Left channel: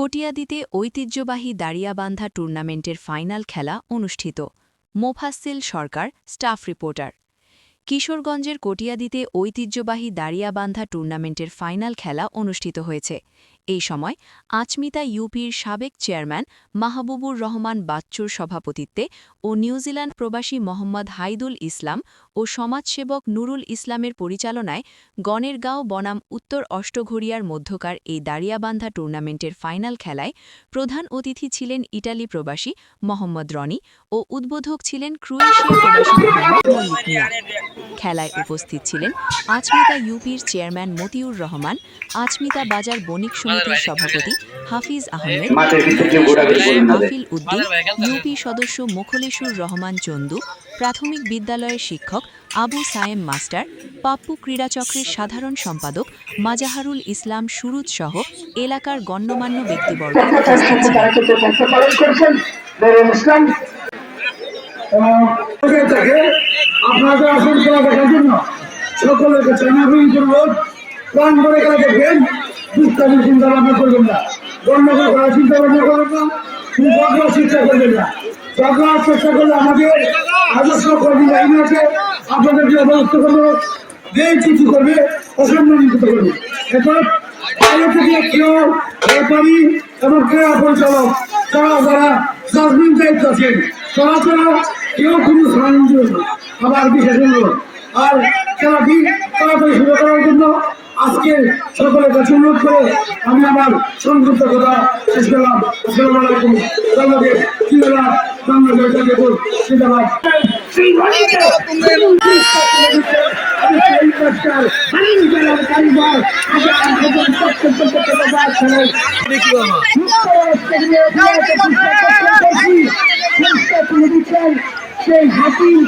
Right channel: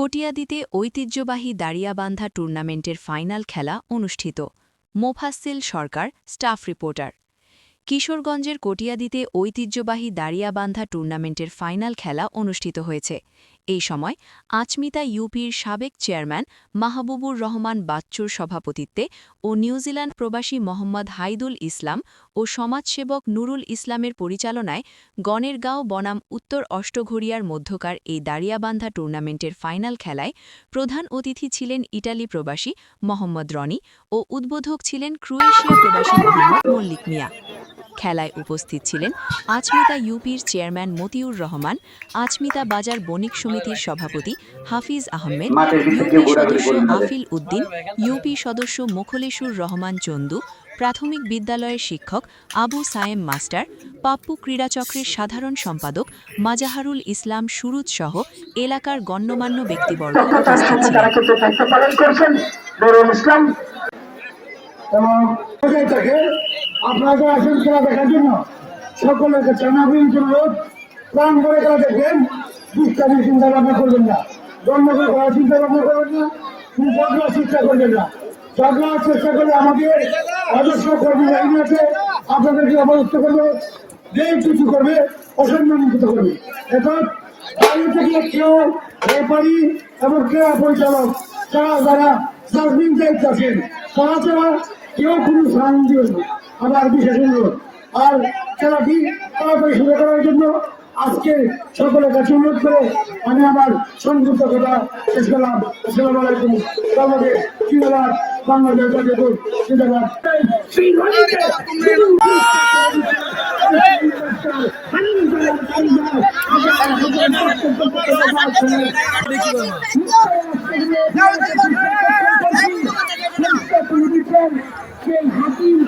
কটিয়াদীতে ঐতিহ্যবাহী দাড়িয়াবান্ধা টুর্নামেন্টের ফাইনাল খেলা অনুষ্ঠিত। মোফাজ্জেল সরকার, স্টাফ রিপোর্টার। কিশোরগঞ্জের কটিয়াদীতে ঐতিহ্যবাহী দাড়িয়াবান্ধা টুর্নামেন্টের ফাইনাল খেলা অনুষ্ঠিত হয়েছে। এই সময় আচমিতা ইউপির সাবেক চেয়ারম্যান মাহবুবুর রহমান বাচ্চুর সভাপতিত্বে ও নিউজিল্যান্ড প্রবাসী মোহাম্মদ হাইদুল ইসলাম ও সমাজসেবক নুরুল ইসলামের পরিচালনায় গণেরগাঁও বনাম উত্তর অষ্টঘরিয়ার মধ্যকার এই দাড়িয়াবান্ধা টুর্নামেন্টের ফাইনাল খেলায় প্রধান অতিথি ছিলেন ইটালি প্রবাসী মোহাম্মদ রনি ও উদ্বোধক ছিলেন ক্রোয়েশিয়া প্রবাসী মোহাম্মদ মল্লিক মিয়া। খেলায় উপস্থিত ছিলেন আচমিতা ইউপির চেয়ারম্যান মতিউর রহমান, আচমিতা বাজার বণিক সমিতির সভাপতি হাফিজ আহমেদ, ইউপি সদস্য আফিল উদ্দিন, ইউপি সদস্য মোখলেসুর রহমান চন্দু, প্রাথমিক বিদ্যালয়ের শিক্ষক আবু সায়েম মাস্টার, পাপ্পু ক্রীড়াচক্রের সাধারণ সম্পাদক মাজাহারুল ইসলাম সুরুজ সহ এলাকার গণ্যমান্য ব্যক্তিবর্গ উপস্থিত ছিলেন। আপনাদের আসল খেলা দেখার জন্য সকলের কাছে অনুরোধ, প্রাণ করে খেলা দেখবেন, দুষ্টামি চিন্তা ভাবনা করবেন না, গণ্ডগোল করার চিন্তা ভাবনা করবেন না, ঝগড়ার চেষ্টা করবেন না। ঝগড়ার চেষ্টা করলে আমাদের আদর্শ কর্মী লাইন আছে, আপনাদেরকে অবরুদ্ধ করবে, দেশ কিছু করবে, অসম্মানিত করবে। এরপর বাইরে থেকে কেউ ব্যাপারী এবং ক্রীড়া পরিচালক তারা যারা সাসপেন্ড দায়িত্ব আছেন তারা ছাড়া কেউ কোনো সাহায্য আমার বিশেষ অনুরোধ। আর খেলাটি তাড়াতাড়ি শুরু করার জন্য আজকে সকলের কাছে অনুরোধ করে আমি আমার সংক্ষিপ্ত কথা শেষ করলাম। আসসালামু আলাইকুম। বাংলাদেশ ক্রীড়া বাংলাদেশ জাতীয় জিন্দাবাদ। সেই হাকিম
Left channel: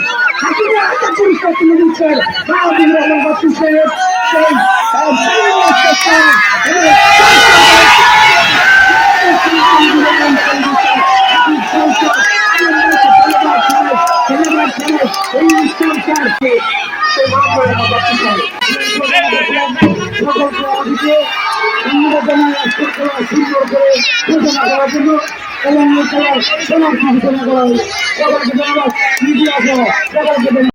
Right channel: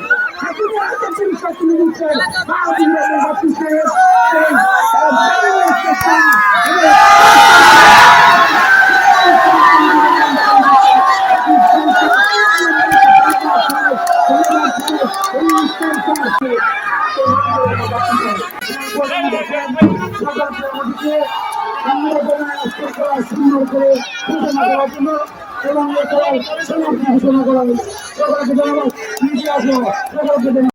হাকিমের একটা পুরস্কার তুলে দিচ্ছেন মাহবুবুর রহমান বাচ্চু সাহেব, সুন্দর করে ঘোষণা করার জন্য এবং ঘোষণা করা হয়। সকলকে ধন্যবাদ।